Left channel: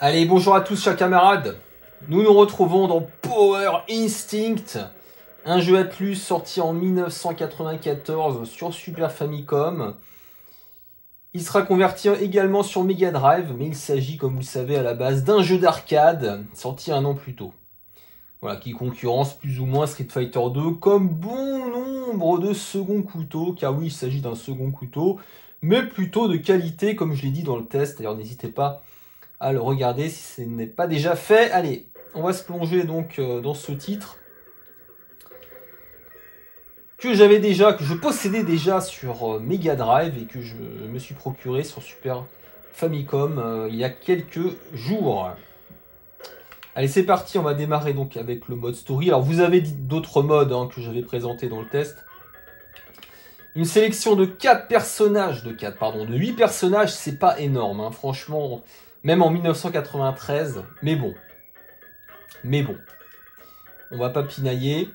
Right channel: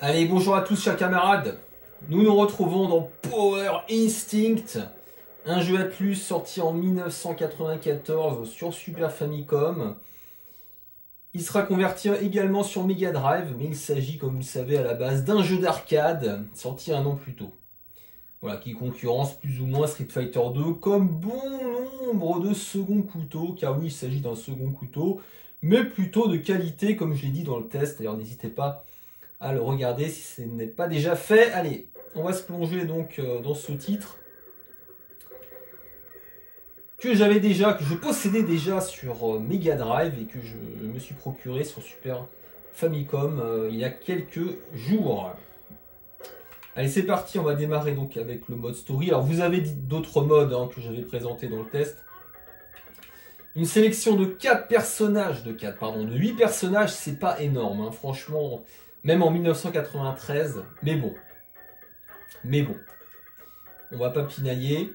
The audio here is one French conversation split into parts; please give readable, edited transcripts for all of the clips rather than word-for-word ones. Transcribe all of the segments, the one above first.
Allez, bonjour à tous chers camarades. Nous nous retrouvons dans Power Instinct, un jeu à plus sorti en 1994 sur Super Famicom. Il sera converti également sur Mega Drive, mais il s'agit, comme vous le savez, à la base d'un jeu d'arcade sorti un an plus tôt. Voilà, qui concurrence plus ou moins Street Fighter 2 comme bon nombre de seconds couteaux, car oui, il s'agit d'un second couteau, mais plutôt de qualité, comme je l'ai dit dans le test. D'ailleurs, n'hésitez pas à le regarder si ce n'est pas déjà fait. Allez, on va se plonger donc dans ce titre que je possédais déjà sur Mega Drive et que je me suis procuré sur Super Famicom il y a quelques jours. Allez, c'est parti, on va démarrer donc avec le mode story. Alors vous avez d'autres modes que j'avais présentés dans le test. Une sélection de 8 personnages, c'est pas énorme, franchement, même en 1993, mais bon, on va pas pinailler.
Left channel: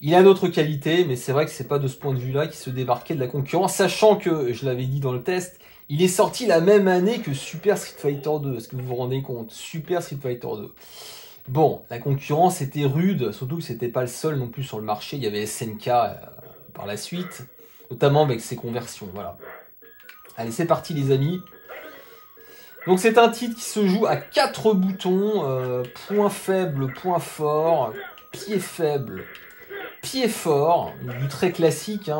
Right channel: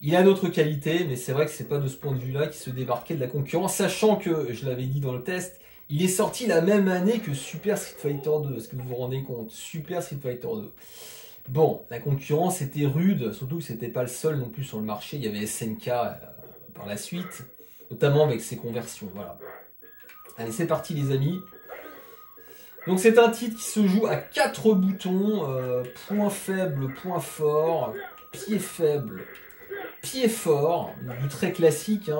Il a d'autres qualités, mais c'est vrai que c'est pas de ce point de vue-là qu'il se démarquait de la concurrence, sachant que, je l'avais dit dans le test, il est sorti la même année que Super Street Fighter 2, est-ce que vous vous rendez compte? Super Street Fighter 2. Bon, la concurrence était rude, surtout que c'était pas le seul non plus sur le marché, il y avait SNK par la suite, notamment avec ses conversions, voilà. Allez, c'est parti les amis. Donc c'est un titre qui se joue à 4 boutons, point faible, point fort, pied faible, pied fort, du très classique.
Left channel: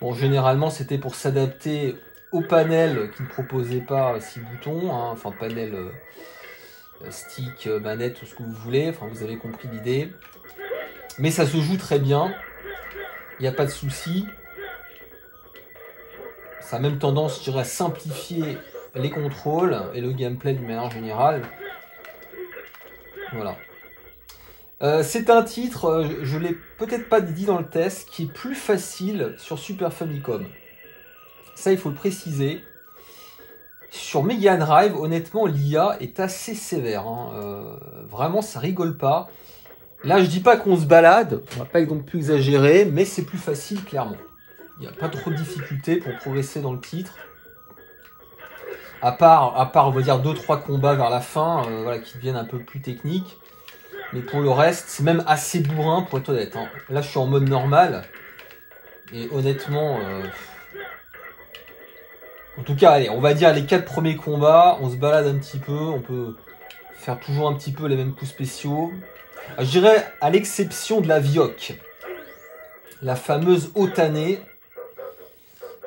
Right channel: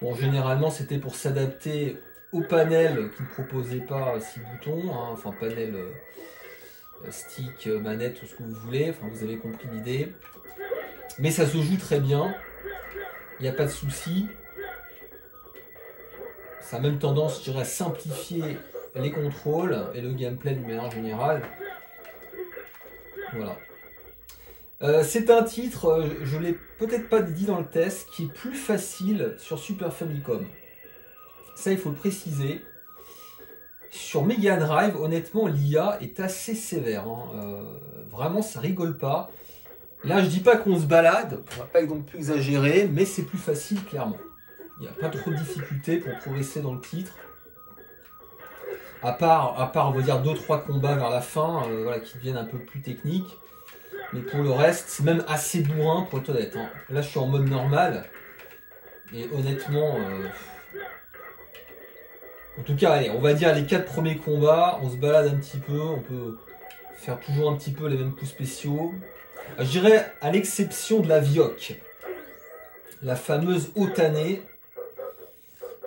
Bon, généralement c'était pour s'adapter au panel qui ne proposait pas 6 boutons, enfin panel stick, manette, tout ce que vous voulez, enfin vous avez compris l'idée. Mais ça se joue très bien, il n'y a pas de souci. Ça a même tendance, je dirais, à simplifier les contrôles et le gameplay d'une manière générale. Voilà. C'est un titre, je ne l'ai peut-être pas dit dans le test, qui est plus facile sur Super Famicom. Ça, il faut le préciser. Sur Mega Drive, honnêtement, l'IA est assez sévère. Vraiment, ça rigole pas. Là, je dis pas qu'on se balade, on va pas non plus exagérer, mais c'est plus facile, clairement. Il n'y a pas trop de difficultés pour progresser dans le titre. À part, on va dire 2-3 combats vers la fin, voilà, qui deviennent un peu plus techniques. Mais pour le reste, c'est même assez bourrin pour être honnête. Là, je suis en mode normal. Et honnêtement, en tout cas, allez, on va dire les 4 premiers combats, on se balade un petit peu, on peut faire toujours un petit peu les mêmes coups spéciaux. Je dirais à l'exception de la Vioque, la fameuse Otane,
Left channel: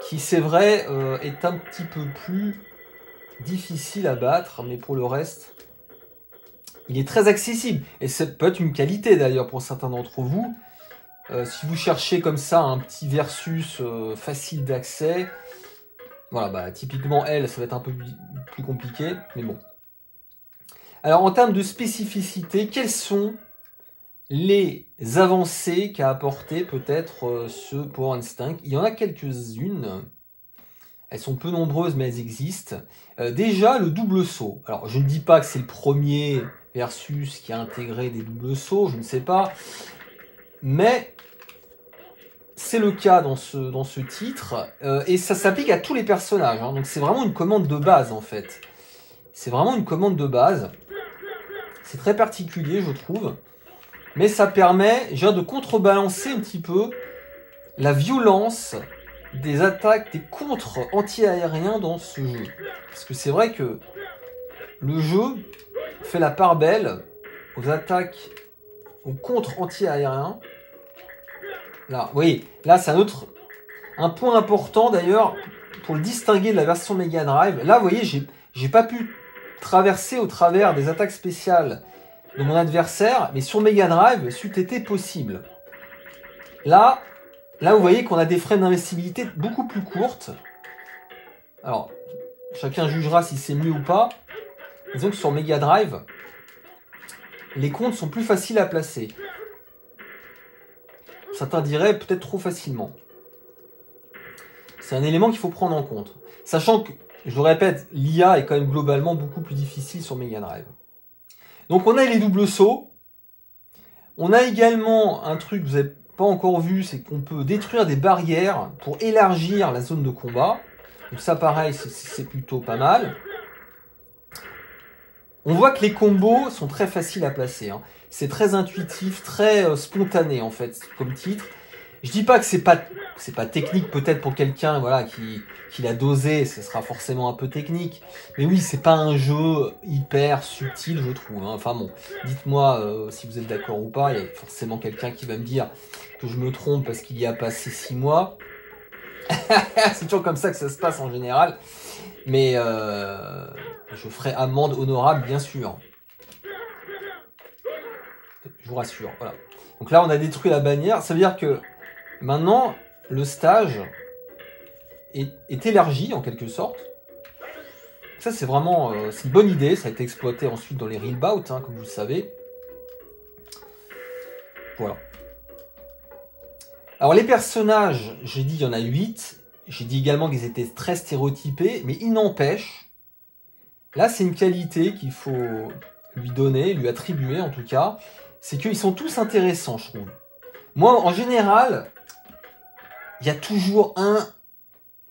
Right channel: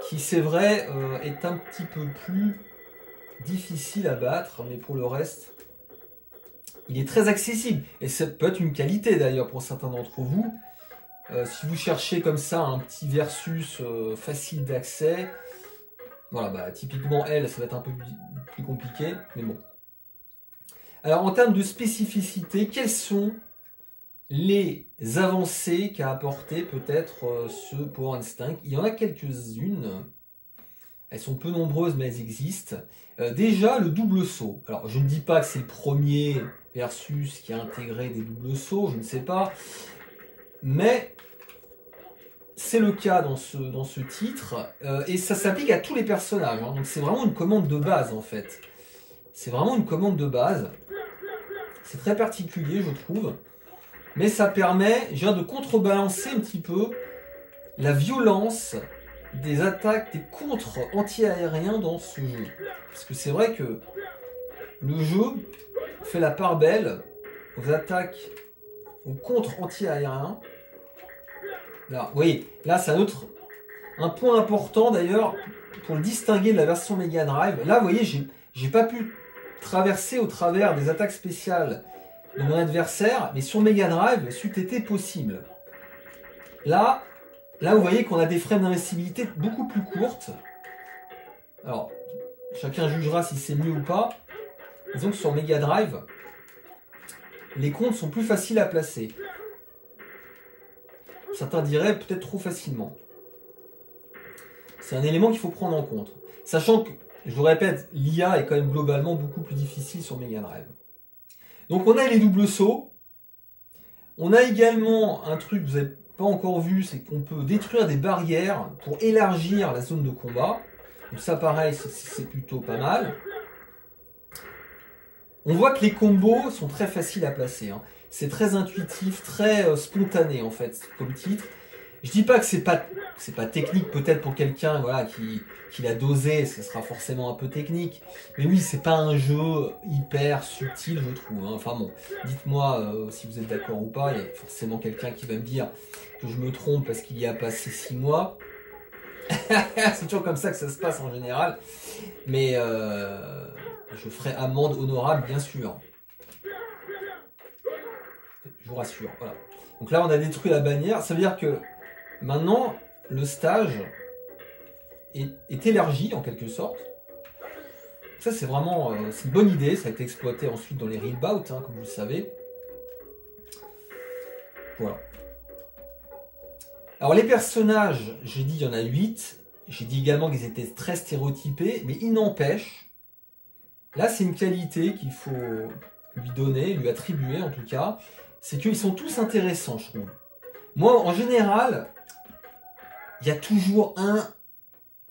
qui c'est vrai est un petit peu plus difficile à battre, mais pour le reste, il est très accessible. Et ça peut être une qualité d'ailleurs pour certains d'entre vous. Si vous cherchez comme ça un petit versus facile d'accès, voilà, bah, typiquement elle, ça va être un peu plus compliqué, mais bon. Alors en termes de spécificité, quelles sont les avancées qu'a apporté peut-être ce Power Instinct? Il y en a quelques-unes. Elles sont peu nombreuses, mais elles existent. Déjà, le double saut. Alors, je ne dis pas que c'est le premier versus qui a intégré des doubles sauts, je ne sais pas. Mais c'est le cas dans ce titre. Et ça s'applique à tous les personnages. Donc, c'est vraiment une commande de base, en fait. C'est vraiment une commande de base. C'est très particulier, je trouve. Mais ça permet déjà de contrebalancer un petit peu la violence des attaques, des contres anti-aériens dans ce jeu. Parce que c'est vrai que le jeu fait la part belle aux attaques, aux contres anti-aériens. Là, vous voyez, là c'est un point important d'ailleurs pour le distinguer de la version Mega Drive. Là, vous voyez, j'ai pas pu traverser au travers des attaques spéciales de mon adversaire, mais sur Mega Drive, c'eût été possible. Là, vous voyez qu'on a des frames d'investibilité beaucoup plus courtes. Alors, chacun jugera si c'est mieux ou pas. Disons que sur Mega Drive, les comptes sont plus faciles à placer. Certains diraient peut-être trop facilement. C'est un élément qu'il faut prendre en compte. Sachant que, je le répète, l'IA est quand même globalement beaucoup plus difficile sur Mega Drive. Donc on a les doubles sauts. On a également un truc que vous n'avez pas encore vu, c'est qu'on peut détruire des barrières pour élargir la zone de combat. Donc ça pareil, c'est plutôt pas mal. On voit que les combos sont très faciles à placer. Hein. C'est très intuitif, très spontané en fait comme titre. Je dis pas que c'est pas technique peut-être pour quelqu'un voilà qui l'a dosé, ce sera forcément un peu technique. Mais oui, c'est pas un jeu hyper subtil, je trouve. Hein. Enfin bon, dites-moi si vous êtes d'accord ou pas. Il y a forcément quelqu'un qui va me dire que je me trompe parce qu'il y a passé 6 mois. C'est toujours comme ça que ça se passe en général. Mais je ferai amende honorable, bien sûr. Je vous rassure. Voilà. Donc là, on a détruit la bannière. Ça veut dire que maintenant, le stage est élargi en quelque sorte. Ça, c'est vraiment c'est une bonne idée. Ça a été exploité ensuite dans les Real Bout, hein, comme vous le savez. Voilà. Alors, les personnages, j'ai dit, il y en a 8. J'ai dit également qu'ils étaient très stéréotypés, mais il n'empêche, là, c'est une qualité qu'il faut lui donner, lui attribuer en tout cas, c'est qu'ils sont tous intéressants, je trouve. Moi, en général, il y a toujours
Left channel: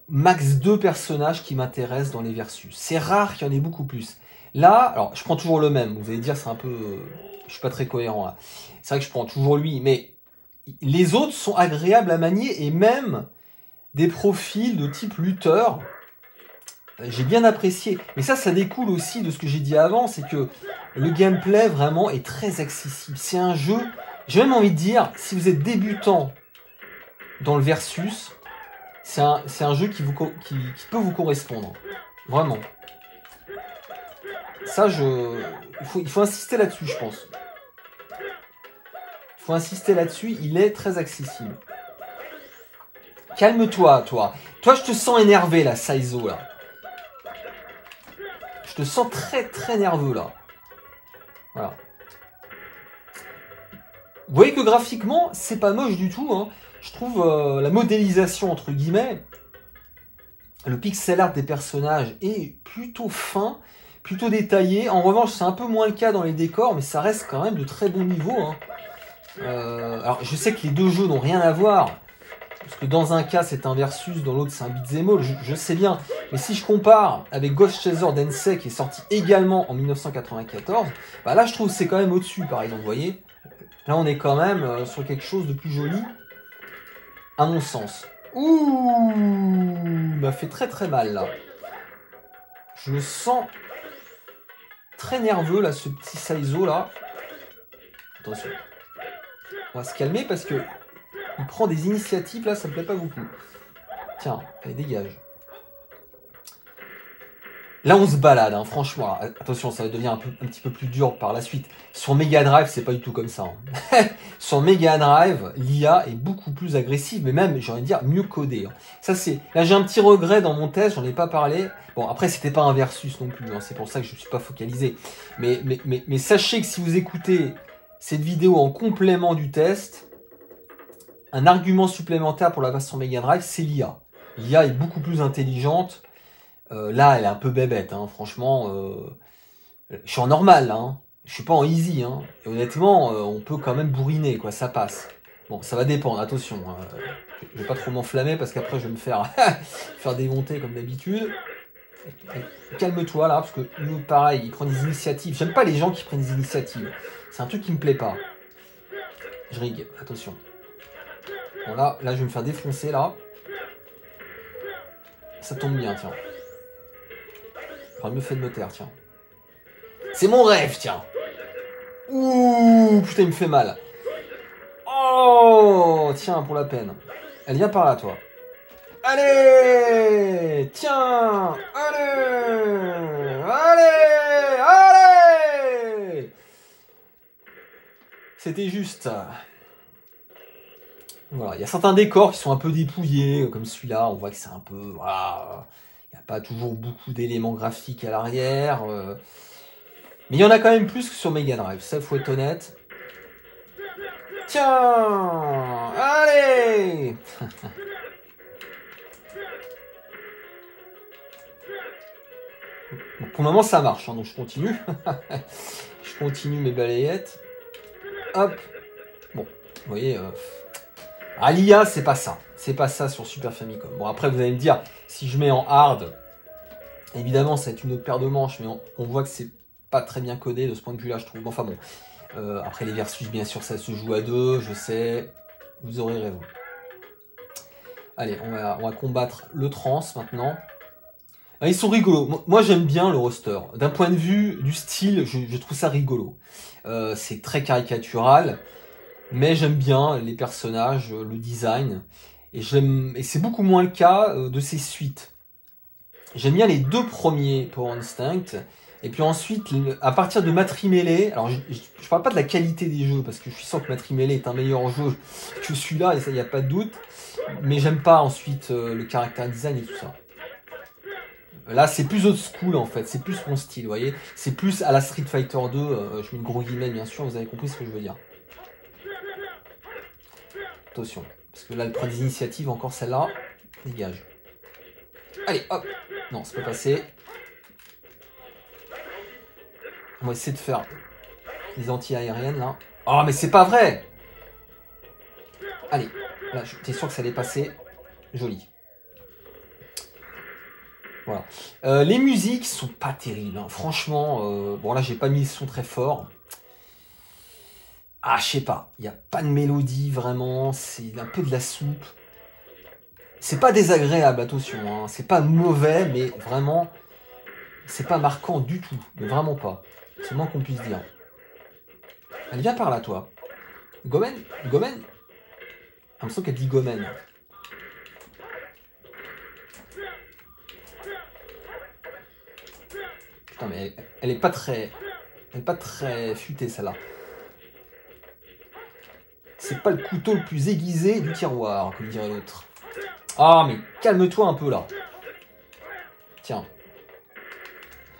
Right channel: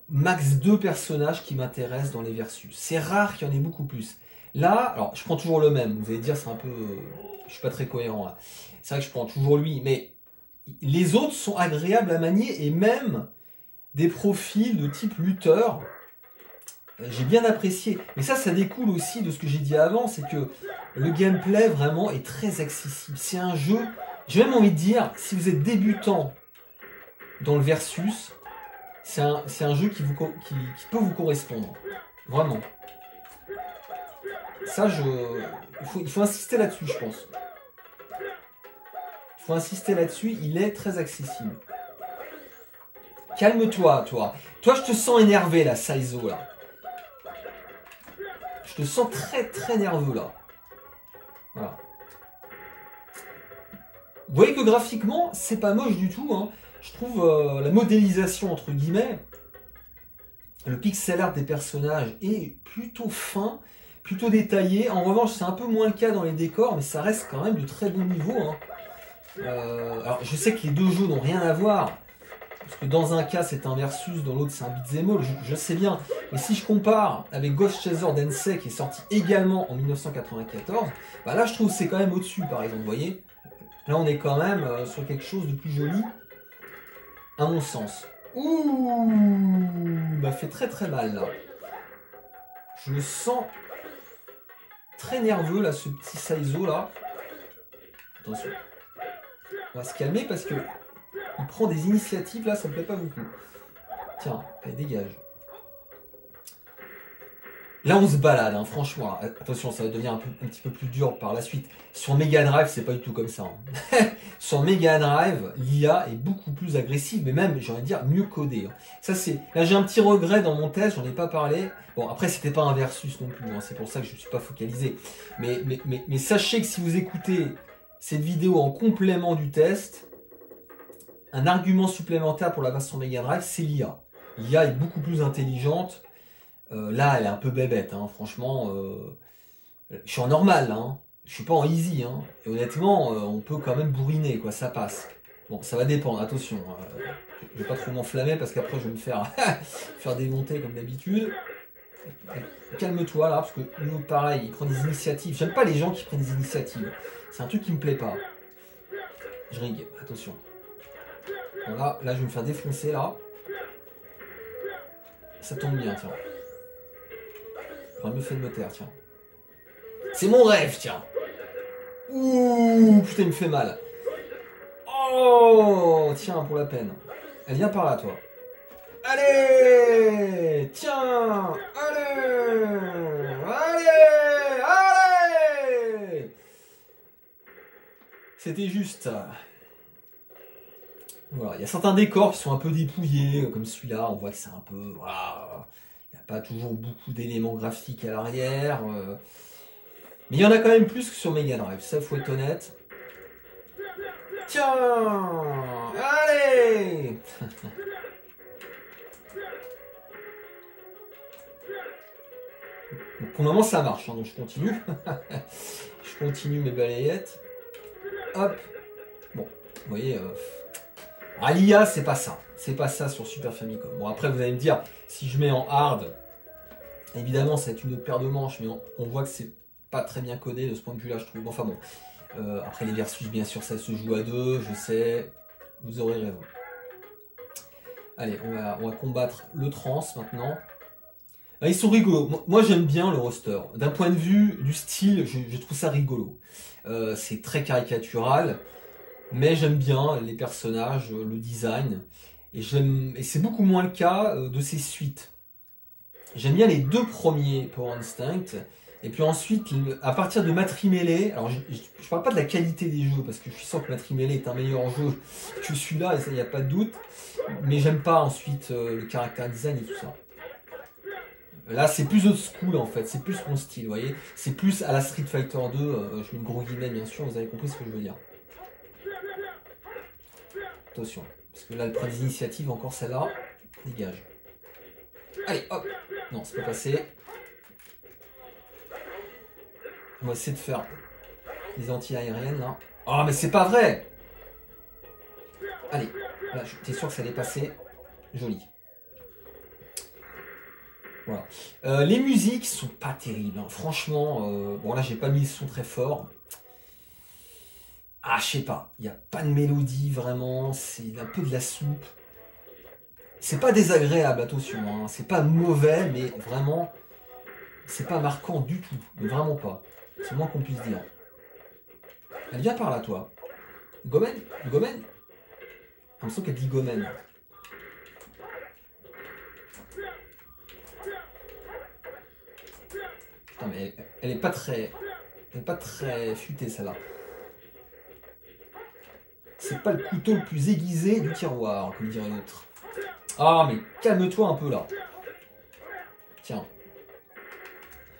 max 2 personnages qui m'intéressent dans les versus. C'est rare qu'il y en ait beaucoup plus. Là, alors, je prends toujours le même. Vous allez dire, c'est un peu... je suis pas très cohérent, là. C'est vrai que je prends toujours lui, mais les autres sont agréables à manier, et même des profils de type lutteur, j'ai bien apprécié. Mais ça découle aussi de ce que j'ai dit avant, c'est que le gameplay vraiment est très accessible. C'est un jeu, j'ai même envie de dire, si vous êtes débutant dans le versus, c'est un jeu qui peut vous correspondre. Vraiment. Ça, il faut insister là-dessus, je pense. Il faut insister là-dessus, il est très accessible. Calme-toi, toi. Toi, je te sens énervé, là, Saizo, là. Je te sens très, très nerveux, là. Voilà. Vous voyez que graphiquement, c'est pas moche du tout. Hein. Je trouve la modélisation, entre guillemets, le pixel art des personnages est plutôt fin, plutôt détaillé. En revanche, c'est un peu moins le cas dans les décors, mais ça reste quand même de très bon niveau. Hein. Alors, je sais que les deux jeux n'ont rien à voir, parce que dans un cas, c'est un versus, dans l'autre, c'est un beat'em all, je sais bien. Mais si je compare avec Ghost Chaser Densei, qui est sorti également en 1994, bah là, je trouve que c'est quand même au-dessus, par exemple, vous voyez. Là, on est quand même sur quelque chose de plus joli, à mon sens. Ouh, m'a fait très très mal, là. Je me sens très nerveux, là, ce petit Saizo, là. Attention. On va se calmer, parce que il prend des initiatives, là, ça me plaît pas beaucoup. Tiens, allez, dégage. Là, on se balade, hein, franchement. Attention, ça va devenir un petit peu plus dur par la suite. Sur Mega Drive, c'est pas du tout comme ça. Hein. Sur Mega Drive, l'IA est beaucoup plus agressive, mais même, j'ai envie de dire, mieux codée. Hein. Ça, là, j'ai un petit regret dans mon test, j'en ai pas parlé. Bon, après, c'était pas un versus non plus, hein, c'est pour ça que je ne suis pas focalisé. Mais sachez que si vous écoutez cette vidéo en complément du test, un argument supplémentaire pour la version Mega Drive, c'est l'IA. L'IA est beaucoup plus intelligente. Là, elle est un peu bébête, hein. Franchement, je suis en normal, hein. Je suis pas en easy, hein. Et honnêtement, on peut quand même bourriner, quoi, ça passe. Bon, ça va dépendre, attention. Je vais pas trop m'enflammer parce qu'après je vais me faire, faire démonter comme d'habitude. Calme-toi là, parce que nous, pareil, il prend des initiatives. J'aime pas les gens qui prennent des initiatives. C'est un truc qui me plaît pas. Je rigue, attention. Bon, là, je vais me faire défoncer, là. Ça tombe bien, tiens. J'aurais mieux fait de me taire, tiens. C'est mon rêve, tiens. Ouh, putain, il me fait mal. Oh, tiens, pour la peine. Elle vient par là, toi. Allez, tiens. Allez, allez, allez. C'était juste. Voilà, il y a certains décors qui sont un peu dépouillés, comme celui-là. On voit que c'est un peu, voilà. Il n'y a pas toujours beaucoup d'éléments graphiques à l'arrière. Mais il y en a quand même plus que sur Mega Drive, ça faut être honnête. Tiens, allez. Bon, Pour le moment, ça marche, hein, donc je continue. Je continue mes balayettes. Hop. Bon, vous voyez... l'IA, c'est pas ça. C'est pas ça sur Super Famicom. Bon, après, vous allez me dire, si je mets en hard, évidemment, ça va être une autre paire de manches, mais on voit que c'est pas très bien codé de ce point de vue-là, je trouve. Enfin bon. Après, les versus, bien sûr, ça se joue à deux, je sais. Vous aurez raison. Allez, on va combattre le trans maintenant. Ils sont rigolos. Moi, j'aime bien le roster. D'un point de vue du style, je trouve ça rigolo. C'est très caricatural, mais j'aime bien les personnages, le design. Et c'est beaucoup moins le cas de ces suites. J'aime bien les deux premiers Power Instinct. Et puis ensuite, à partir de Matrimele, alors je parle pas de la qualité des jeux, parce que je suis sûr que Matrimele est un meilleur jeu que celui-là, et ça, il n'y a pas de doute. Mais j'aime pas ensuite le character design et tout ça. Là, c'est plus old school en fait, c'est plus mon style, vous voyez. C'est plus à la Street Fighter 2, je mets une gros guillemets bien sûr, vous avez compris ce que je veux dire. Attention, parce que là, elle prend des initiatives, encore celle-là, dégage. Allez, hop. Non, c'est pas passé. On va essayer de faire des anti-aériennes là. Oh, mais c'est pas vrai! Allez, là, j'étais sûr que ça allait passer. Joli. Voilà. Les musiques sont pas terribles, hein. Franchement. Bon, là, j'ai pas mis le son très fort. Ah, je sais pas. Il n'y a pas de mélodie vraiment. C'est un peu de la soupe. C'est pas désagréable, attention. Hein. C'est pas mauvais, mais vraiment, c'est pas marquant du tout. Mais vraiment pas. C'est le moins qu'on puisse dire. Elle vient par là, toi. Gomen? Gomen? J'ai l'impression qu'elle dit Gomen. Putain, mais elle est pas très... Elle est pas très futée, celle-là. C'est pas le couteau le plus aiguisé du tiroir, comme dirait l'autre. Ah, mais calme-toi un peu, là. Tiens.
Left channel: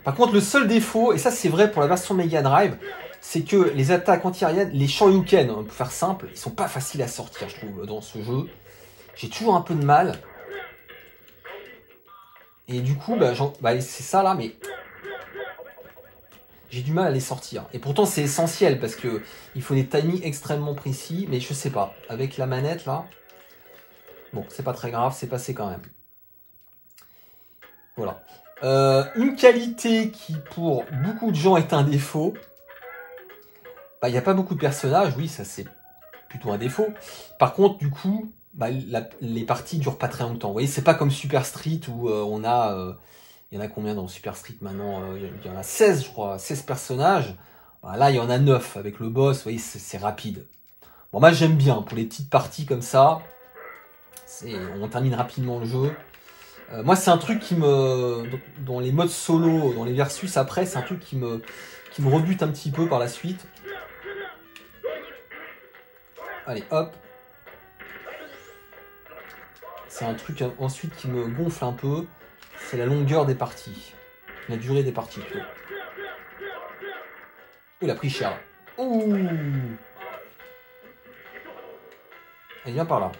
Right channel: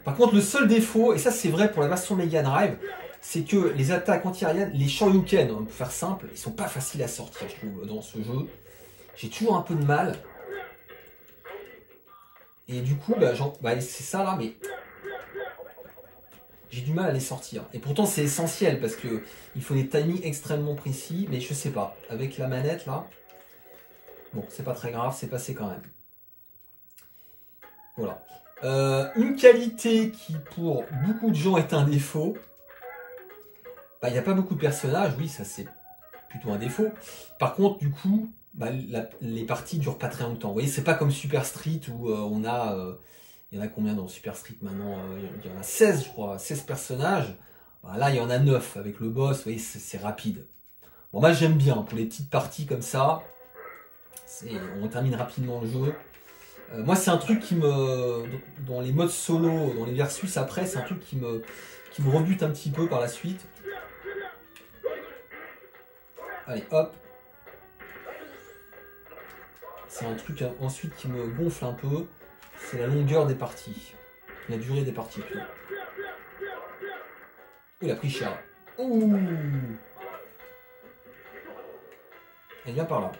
Par contre, le seul défaut, et ça c'est vrai pour la version Mega Drive, c'est que les attaques anti-aériennes, les Shoryuken, pour faire simple, ils sont pas faciles à sortir, je trouve, dans ce jeu. J'ai toujours un peu de mal. Et du coup, c'est ça là, mais j'ai du mal à les sortir. Et pourtant, c'est essentiel parce que il faut des timings extrêmement précis, mais je sais pas. Avec la manette là, bon, c'est pas très grave, c'est passé quand même. Voilà. Une qualité qui pour beaucoup de gens est un défaut. Il n'y a pas beaucoup de personnages, oui, ça c'est plutôt un défaut. Par contre, du coup, les parties durent pas très longtemps. Vous voyez, c'est pas comme Super Street où on a... il y en a combien dans Super Street maintenant? Il y en a 16, je crois, 16 personnages. Là, il y en a 9 avec le boss, vous voyez, c'est rapide. Bon, moi j'aime bien, pour les petites parties comme ça, on termine rapidement le jeu. Moi, c'est un truc qui me... Dans les modes solo, dans les versus après, c'est un truc qui me rebute un petit peu par la suite. Allez, hop. C'est un truc ensuite qui me gonfle un peu. C'est la longueur des parties. La durée des parties, plutôt. Il a pris cher. Ouh. Elle vient par là.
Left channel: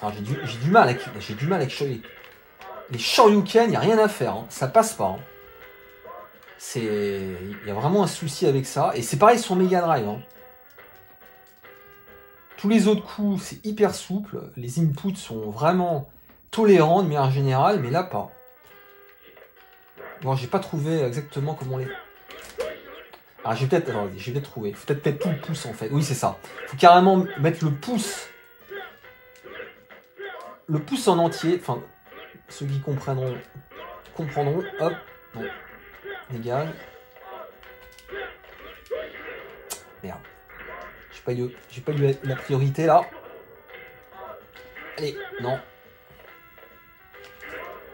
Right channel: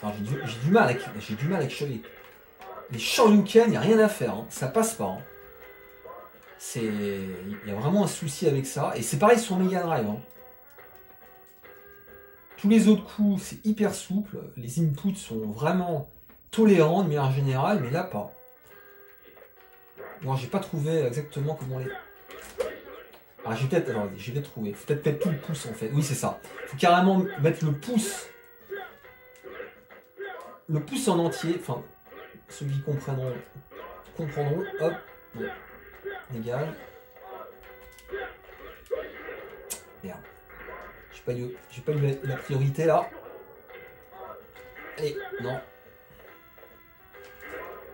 Alors, j'ai du mal avec les Shoryuken, il n'y a rien à faire. Hein. Ça passe pas. Hein. Il y a vraiment un souci avec ça. Et c'est pareil sur Mega Drive. Hein. Tous les autres coups, c'est hyper souple. Les inputs sont vraiment tolérants de manière générale, mais là, pas. Bon, j'ai pas trouvé exactement comment les... Ah, j'ai peut-être trouvé. Faut peut-être mettre tout le pouce, en fait. Oui, c'est ça. Faut carrément mettre le pouce. Le pouce en entier. Enfin, ceux qui comprendront. Hop. Bon. Dégage. Merde. J'ai pas eu la priorité là. Allez, non.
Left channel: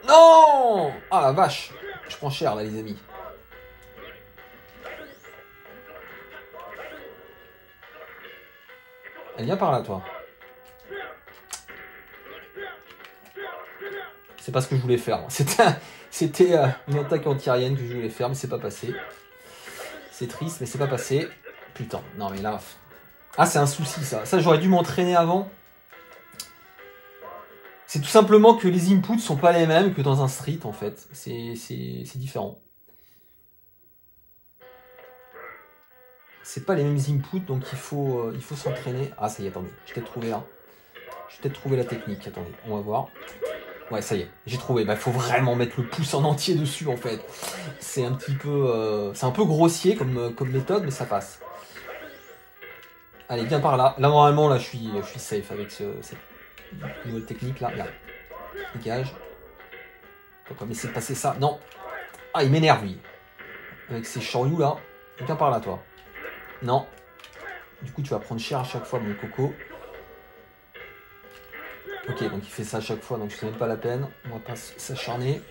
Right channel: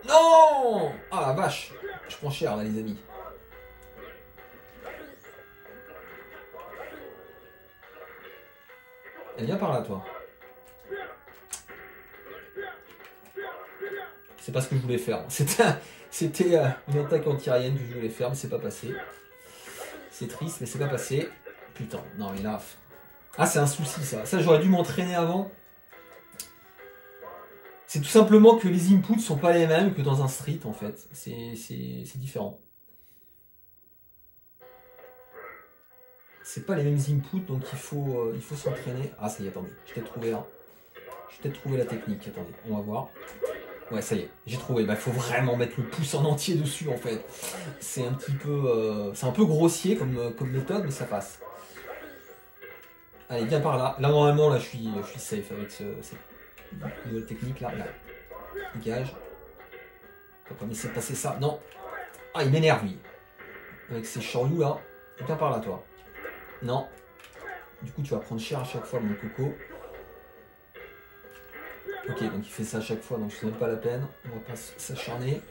Non! Ah la vache! Je prends cher là les amis. Elle vient par là toi. C'est pas ce que je voulais faire. C'était une attaque anti-aérienne que je voulais faire, mais c'est pas passé. C'est triste, mais c'est pas passé. Putain, non mais là... Ah, c'est un souci ça. Ça, j'aurais dû m'entraîner avant. C'est tout simplement que les inputs sont pas les mêmes que dans un street en fait. C'est différent. c'est pas les mêmes inputs, donc il faut s'entraîner. Ah, ça y est, attendez, j'ai peut-être trouvé un. J'ai peut-être trouvé la technique, attendez, on va voir. Ouais, ça y est, j'ai trouvé. Bah, il faut vraiment mettre le pouce en entier dessus, en fait. C'est un petit peu... c'est un peu grossier comme méthode, mais ça passe. Allez, viens par là. Là, normalement, là, je suis safe avec cette nouvelle technique, là. Là. Dégage. Faut pas me laisser passer ça. Non. Ah, il m'énerve, lui. Avec ces chorioux, là. Viens par là, toi. Non. Du coup, tu vas prendre cher à chaque fois, mon coco. Ok, donc il fait ça à chaque fois, donc c'est même pas la peine. On va pas s'acharner.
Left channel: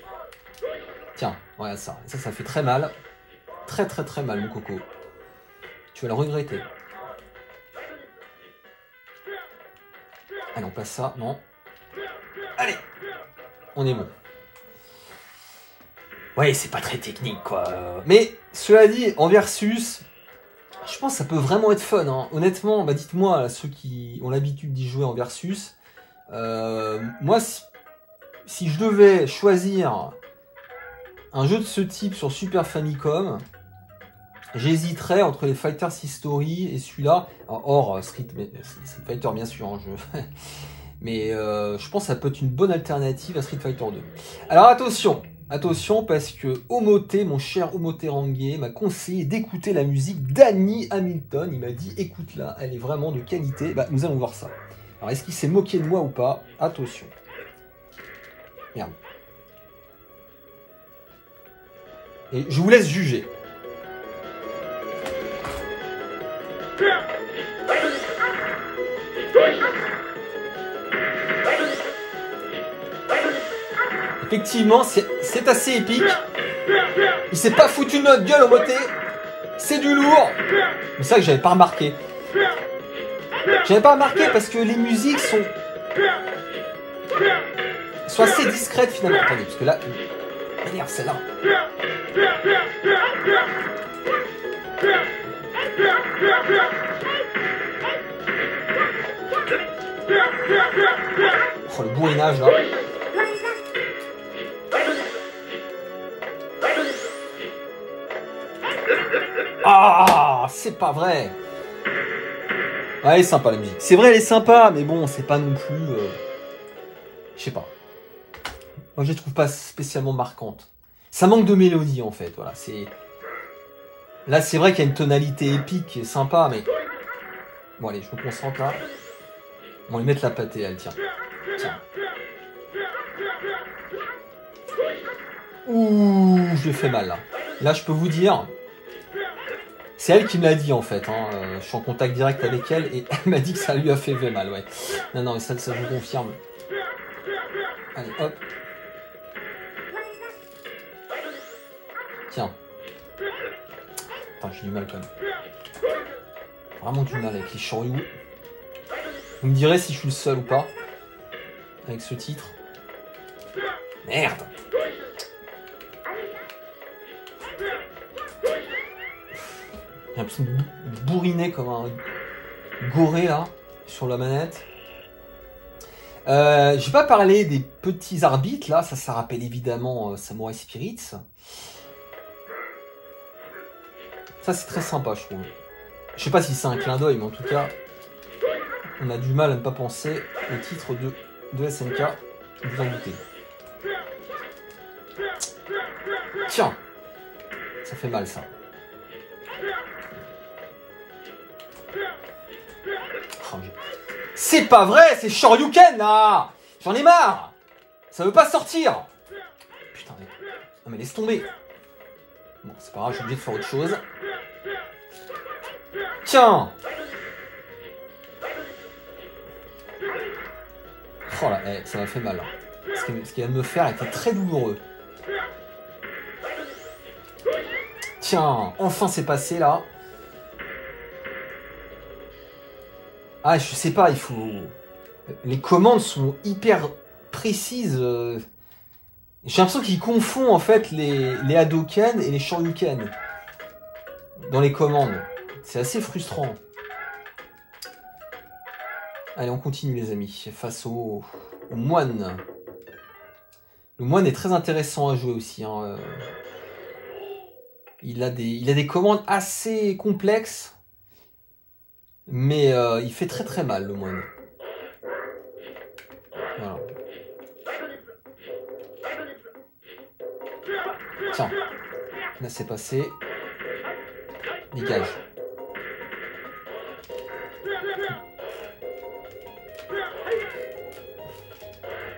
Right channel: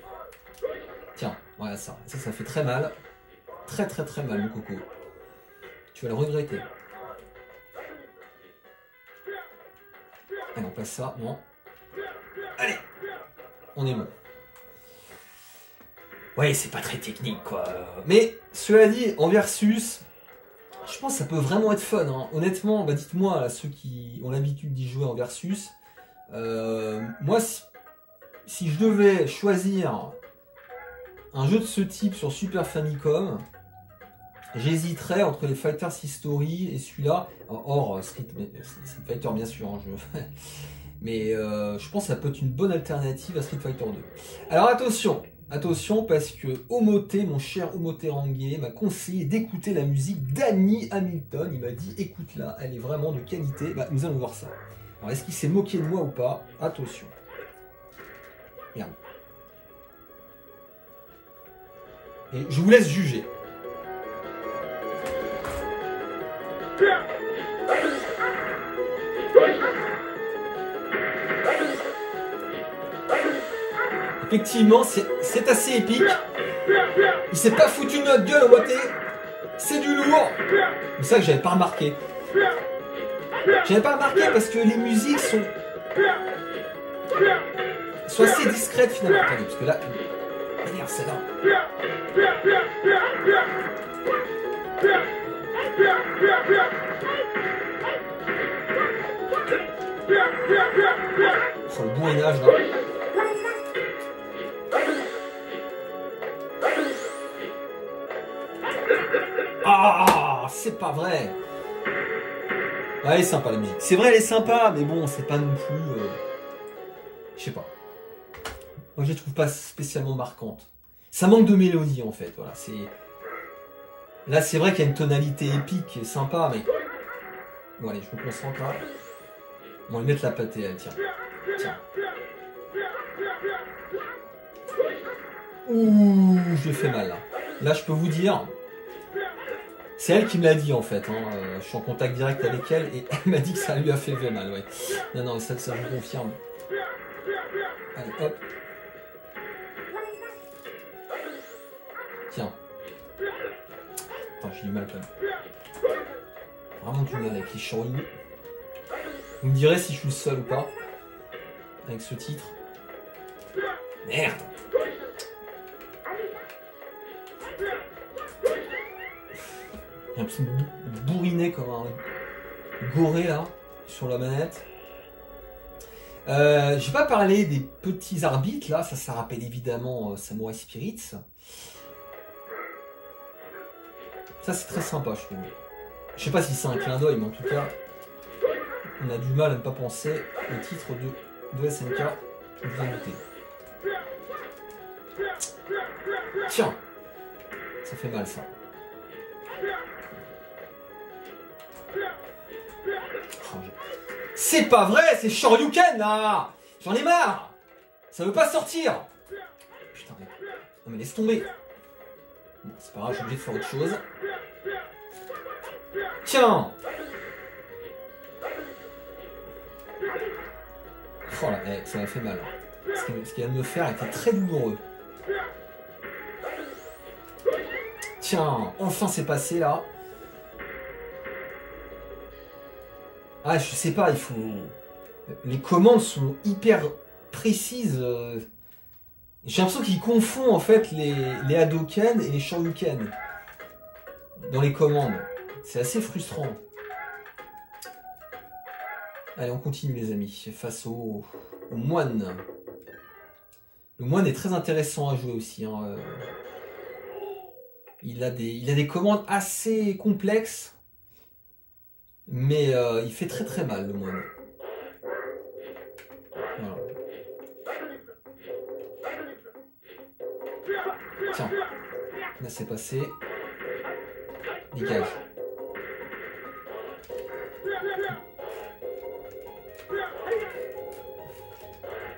Tiens, voilà ça. Ça fait très mal. Très très très mal, mon coco. Tu vas le regretter. Allez, on passe ça. Non. Allez. On est bon. Ouais, c'est pas très technique, quoi. Mais, cela dit, en versus, je pense que ça peut vraiment être fun. Hein. Honnêtement, bah dites-moi, ceux qui ont l'habitude d'y jouer en versus, moi, si je devais choisir un jeu de ce type sur Super Famicom, j'hésiterais entre les Fighters History et celui-là, hors Street Fighter bien sûr, hein, mais je pense que ça peut être une bonne alternative à Street Fighter 2. Alors attention parce que Omoté, mon cher Omoté Rangué, m'a conseillé d'écouter la musique d'Annie Hamilton. Il m'a dit écoute-la, elle est vraiment de qualité. Bah, nous allons voir ça. Alors est-ce qu'il s'est moqué de moi ou pas? Attention. Merde. Et je vous laisse juger. Effectivement, c'est assez épique. Il s'est pas foutu de notre gueule au moté. C'est du lourd. C'est ça que j'avais pas remarqué. J'avais pas remarqué parce que les musiques sont assez discrètes finalement. Attendez, parce que là... Merde, celle-là. Oh, le bourrinage là. Ah, c'est pas vrai. Ouais, elle est sympa la musique. C'est vrai, elle est sympa, mais bon, c'est pas non plus... Je sais pas. Moi, je les trouve pas spécialement marquantes. Ça manque de mélodie, en fait. Voilà, c'est... Là, c'est vrai qu'il y a une tonalité épique et sympa, mais... Bon, allez, je me concentre là. On va lui mettre la pâtée, elle, tiens. Tiens. Ouh, je lui fais mal, là. Là, je peux vous dire... C'est elle qui me l'a dit, en fait. Hein. Je suis en contact direct avec elle et elle m'a dit que ça lui a fait mal, ouais. Non, non, ça je vous confirme. Allez, hop. Tiens. Attends, j'ai du mal quand même. Vraiment du mal avec les chorioux. Vous me direz si je suis le seul ou pas. Avec ce titre. Merde. J'ai l'impression de bourriner comme un goré là, sur la manette. J'ai pas parlé des petits arbitres là, ça rappelle évidemment Samurai Spirits. Ça c'est très sympa je trouve. Je sais pas si c'est un clin d'œil, mais en tout cas, on a du mal à ne pas penser au titre de SNK. Vous en doutez. Tiens, ça fait mal ça. Oh, c'est pas vrai, c'est Shoryuken là. J'en ai marre. Ça veut pas sortir. Putain, mais... Non mais laisse tomber. Bon, c'est pas grave, je suis obligé de faire autre chose. Tiens. Oh là, ça m'a fait mal. Ce qu'il vient de me faire était très douloureux. Tiens, enfin c'est passé là. Ah, je sais pas, il faut... Les commandes sont hyper précises. J'ai l'impression qu'il confond en fait les Hadoken et les Shoryuken dans les commandes. C'est assez frustrant. Allez, on continue les amis, face au moine. Le moine est très intéressant à jouer aussi. Hein. Il a des commandes assez complexes. Mais il fait très très mal le moine. Voilà. Tiens, là c'est passé. Dégage.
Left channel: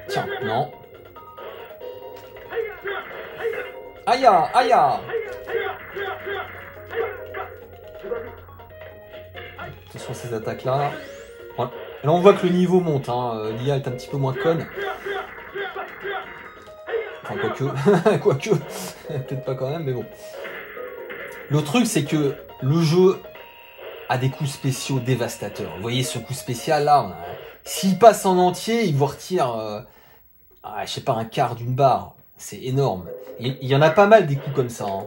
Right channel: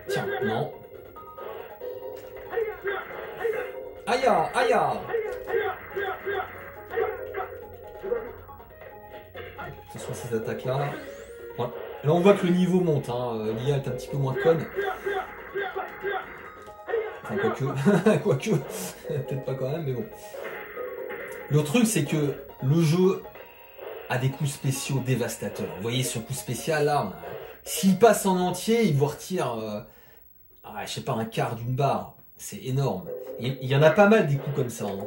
Tiens, non. Aïe, aïe. Ce sont ces attaques-là. Voilà. Là, on voit que le niveau monte. Hein. L'IA est un petit peu moins conne. Enfin, quoique. Quoique. Peut-être pas quand même, mais bon. Le truc, c'est que le jeu a des coups spéciaux dévastateurs. Vous voyez ce coup spécial là, s'il passe en entier, il vous retire, je sais pas, un quart d'une barre. C'est énorme. Il y en a pas mal des coups comme ça. Hein.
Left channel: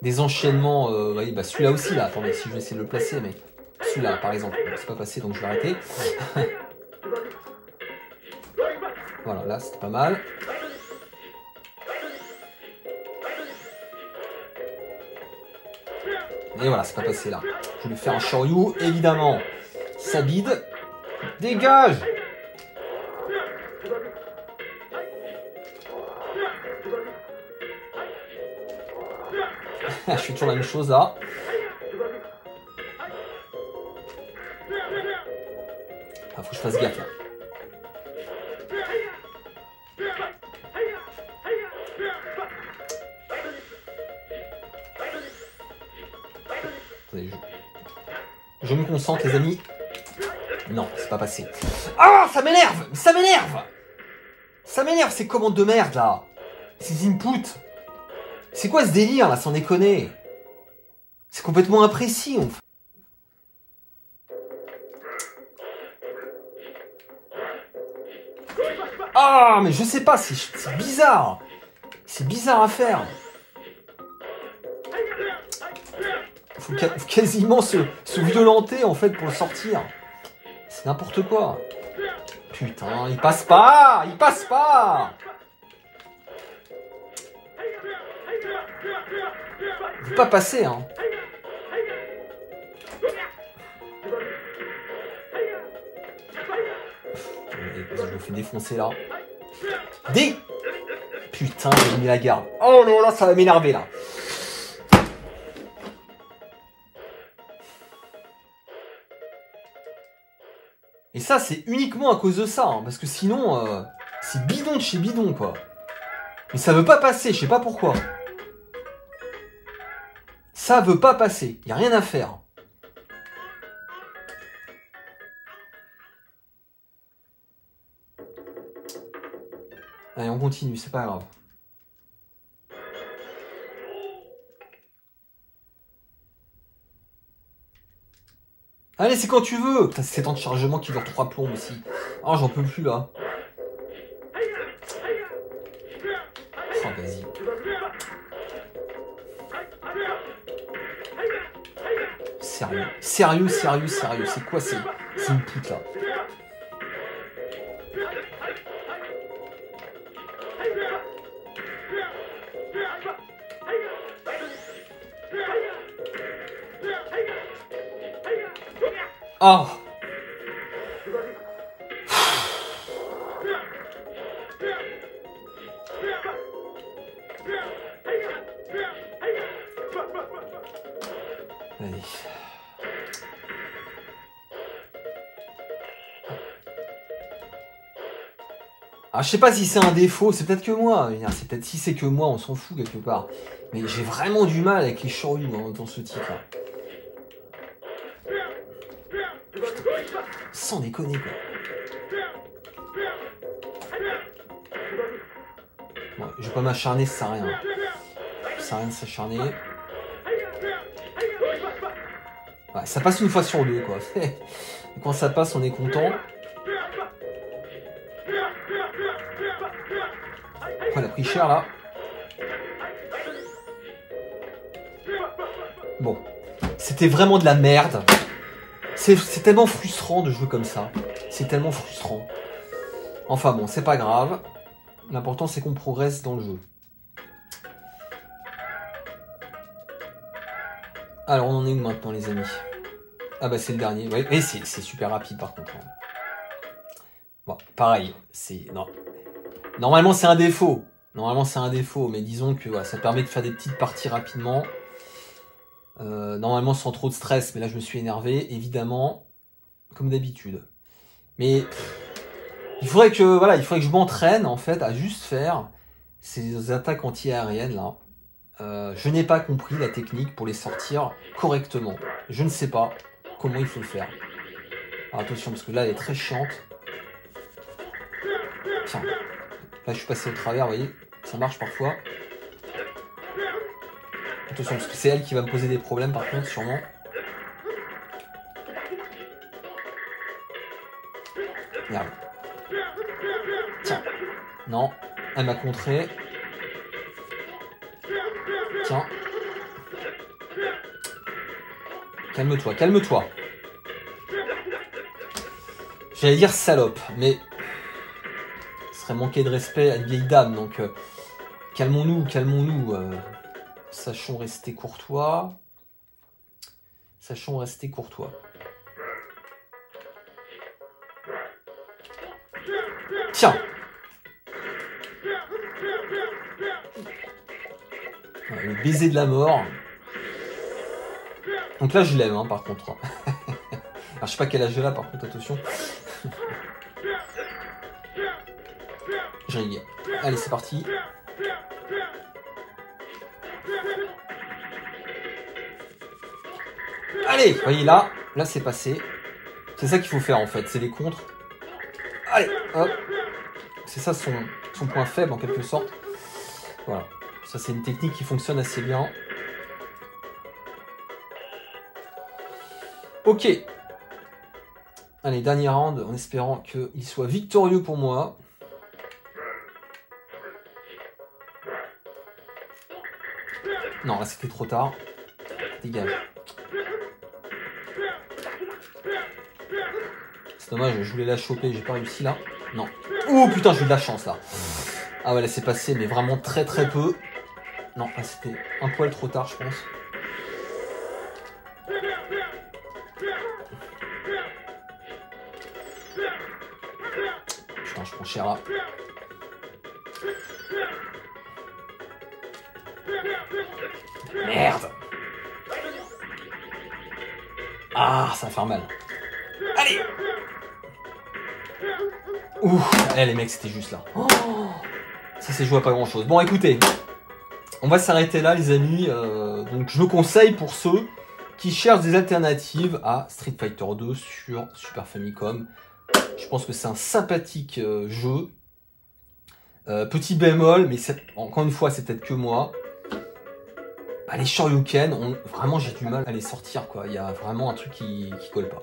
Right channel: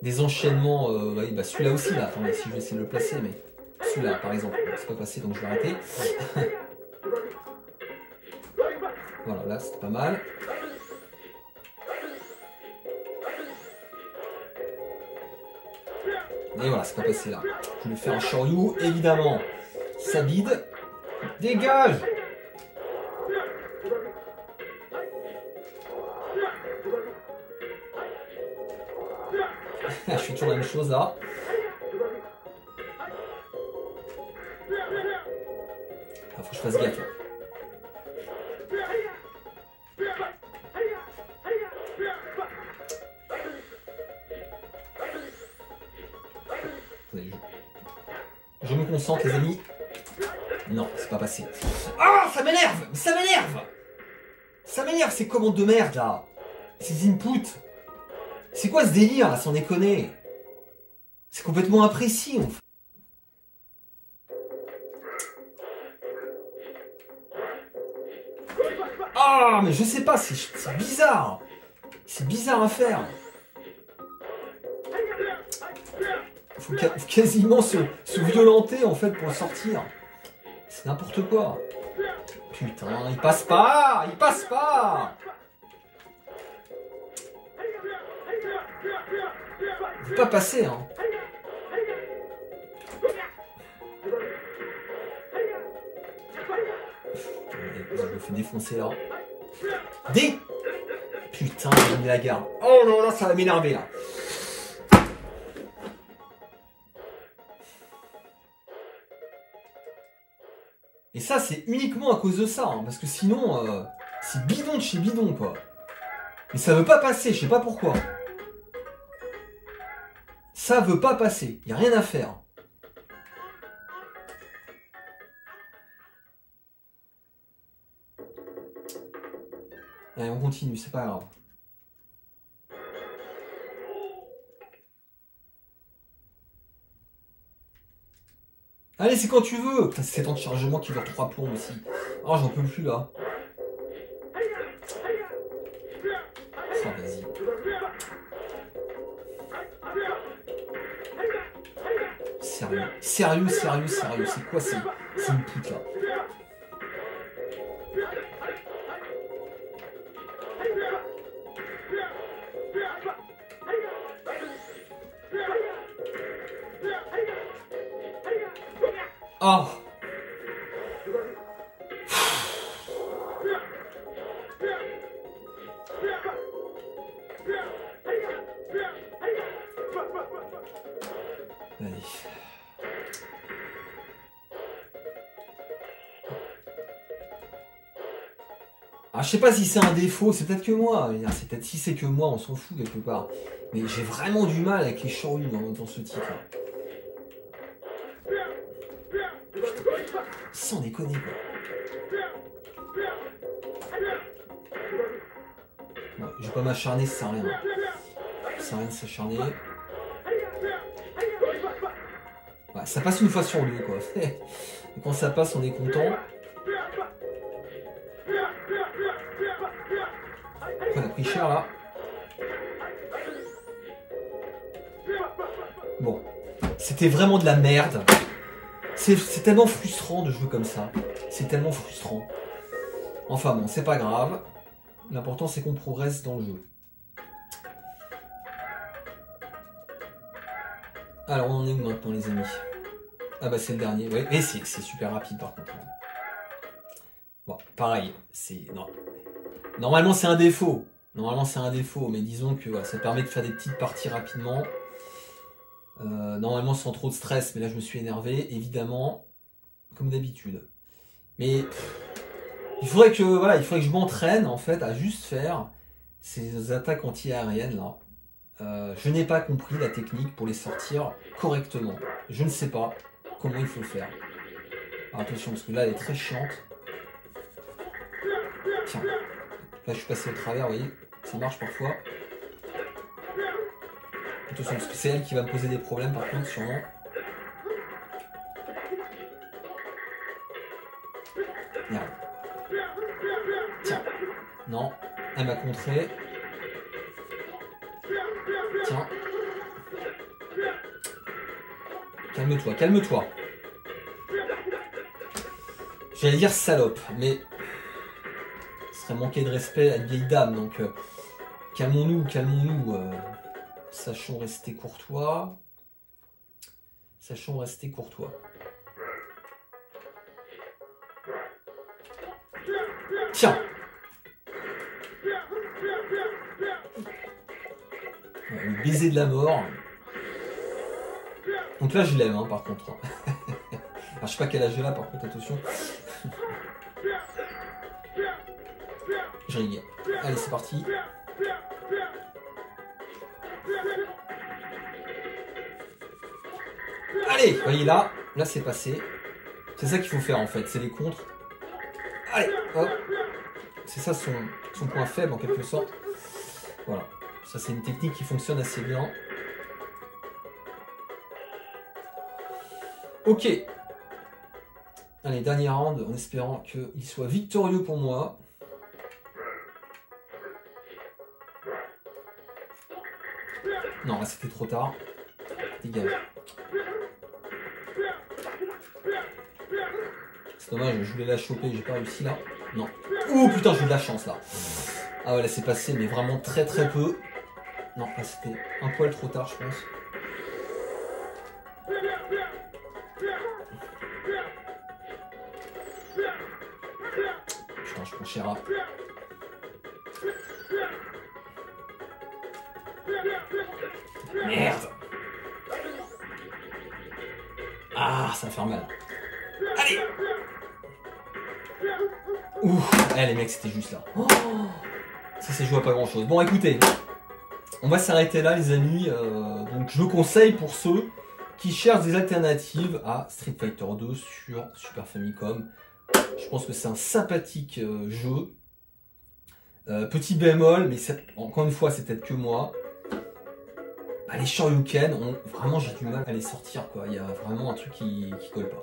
Des enchaînements. Voyez, bah celui-là aussi là. Attendez, si je vais essayer de le placer, mais celui-là par exemple, c'est pas passé, donc je vais arrêter. Voilà, là c'était pas mal. Et voilà, c'est pas passé là. Je vais faire un Shoryu, évidemment. Ça bide. Dégage! Je fais toujours la même chose là. Ah, faut que je fasse gaffe là. Je me concentre les amis. Non, c'est pas passé. Ah, ça m'énerve! Ça m'énerve! Ça m'énerve ces commandes de merde là! Ces inputs! C'est quoi ce délire là, sans déconner? C'est complètement imprécis en fait. Ah, mais je sais pas, c'est bizarre! C'est bizarre à faire! Faut quasiment se violenter en fait pour le sortir. C'est n'importe quoi. Putain, il passe pas! Il passe pas! Il veut pas passer, hein. Je me fais défoncer là. Putain, j'ai mis la garde. Oh là là, ça va m'énerver là. Et ça, c'est uniquement à cause de ça, hein, parce que sinon, c'est bidon de chez bidon, quoi. Mais ça veut pas passer, je sais pas pourquoi. Ça veut pas passer, y a rien à faire. Allez, on continue, c'est pas grave. Allez, c'est quand tu veux. Putain, c'est temps de chargement qui dure 3 plombs aussi. Oh, j'en peux plus là. Oh, vas-y. Sérieux. Sérieux, sérieux, sérieux. C'est quoi c'est une pute là? Oh. Allez. Ah, je sais pas si c'est un défaut, c'est peut-être que moi. C'est peut-être si c'est que moi, on s'en fout quelque part. Mais j'ai vraiment du mal avec les Shoryu dans ce titre-là. Sans déconner quoi. Ouais, je vais pas m'acharner, ça sert à rien. Ça sert à rien de s'acharner. Ouais, ça passe une fois sur deux quoi. Quand ça passe, on est content. On a pris cher là. Bon, c'était vraiment de la merde. C'est tellement frustrant de jouer comme ça. C'est tellement frustrant. Enfin bon, c'est pas grave. L'important c'est qu'on progresse dans le jeu. Alors on en est où maintenant les amis? Ah bah c'est le dernier, ouais. Et c'est super rapide par contre. Bon, pareil, c'est... Non. Normalement c'est un défaut. Normalement c'est un défaut, mais disons que ouais, ça permet de faire des petites parties rapidement. Normalement sans trop de stress, mais là je me suis énervé, évidemment, comme d'habitude. Mais il faudrait que je m'entraîne en fait à juste faire ces attaques anti-aériennes là. Je n'ai pas compris la technique pour les sortir correctement. Je ne sais pas comment il faut faire. Alors attention, parce que là, elle est très chiante. Tiens, là, je suis passé au travers, vous voyez. Ça marche parfois. Attention, parce que c'est elle qui va me poser des problèmes, par contre, sûrement. Merde. Tiens. Non, elle m'a contré. Tiens. Calme-toi, calme-toi. J'allais dire salope, mais ce serait manquer de respect à une vieille dame, donc calmons-nous, calmons-nous. Sachons rester courtois. Sachons rester courtois. Tiens. Le baiser de la mort. Donc là je l'aime hein, par contre. Alors je sais pas quel âge elle a par contre, attention. Je rigole. Allez c'est parti. Allez, vous voyez là c'est passé. C'est ça qu'il faut faire en fait, c'est les contres. Allez, hop. C'est ça son point faible en quelque sorte. Voilà, ça c'est une technique qui fonctionne assez bien. Ok. Allez, dernier round en espérant qu'il soit victorieux pour moi. Non, là c'était trop tard. Dégage. C'est dommage, je voulais la choper, j'ai pas réussi là. Non. Oh putain, j'ai eu de la chance là. Ah ouais, là c'est passé, mais vraiment très très peu. Non, là c'était un poil trop tard, je pense. Putain, je prends Shera. Merde. Ah, ça va faire mal. Allez. Ouh, là les mecs c'était juste là. Oh, ça c'est joué à pas grand chose. Bon écoutez, on va s'arrêter là les amis. Donc je conseille pour ceux qui cherchent des alternatives à Street Fighter 2 sur Super Famicom. Je pense que c'est un sympathique jeu. Petit bémol, mais encore une fois c'est peut-être que moi. Bah, les Shoryuken, vraiment j'ai du mal à les sortir quoi. Il y a vraiment un truc qui colle pas.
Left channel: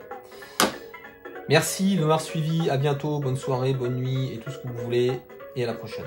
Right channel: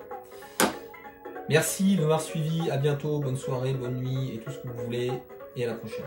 Merci de m'avoir suivi, à bientôt, bonne soirée, bonne nuit et tout ce que vous voulez, et à la prochaine.